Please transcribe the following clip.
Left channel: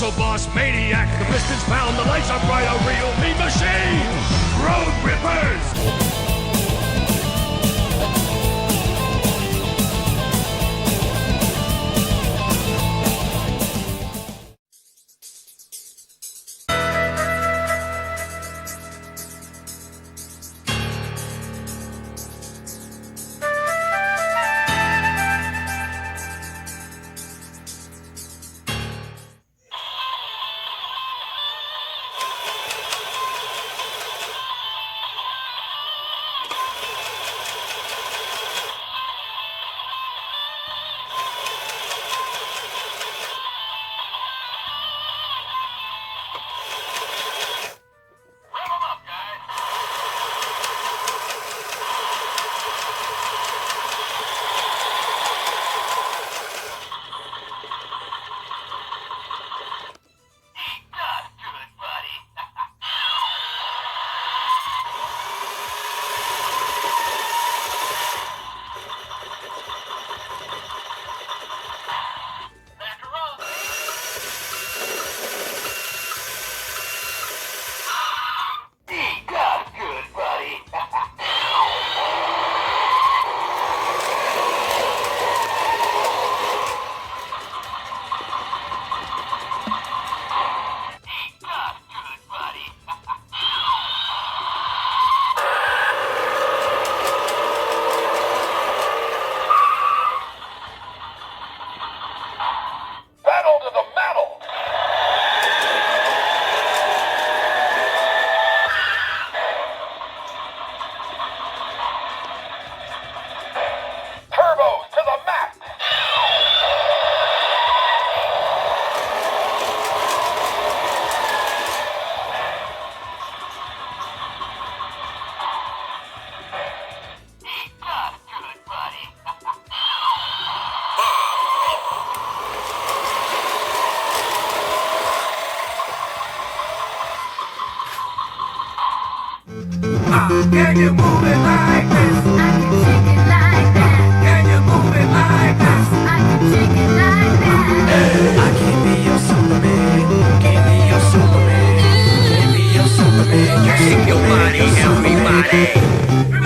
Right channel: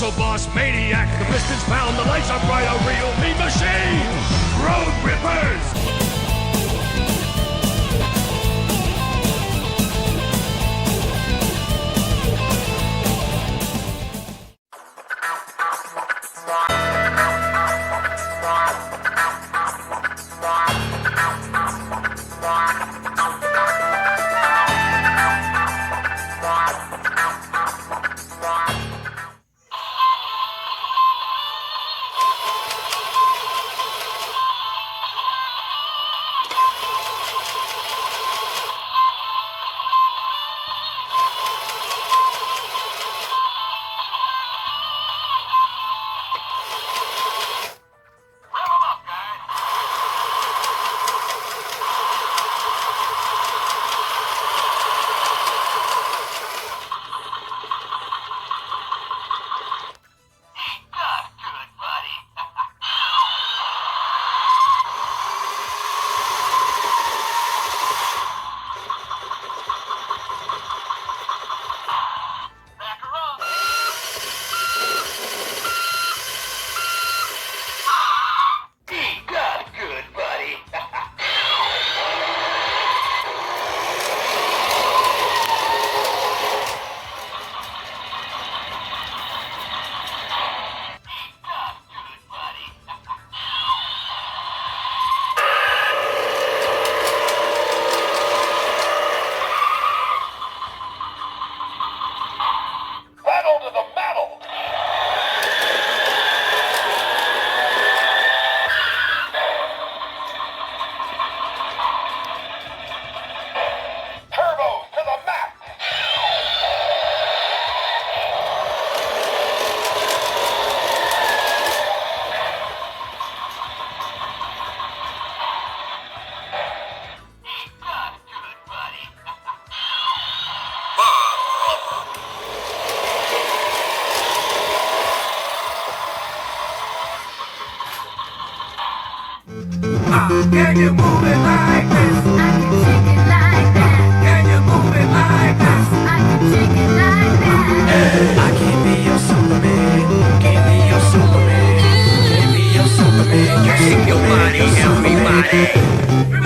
muscle boss Maniac. The pistons pound, the lights are bright, a real mean machine. Road Rippers. Can you move it like this? I can shake it like that. Can you move it like this? I can shake it like that. I can be your Superman. Can be your Superman. Can be your Superman. Shake your body, everybody.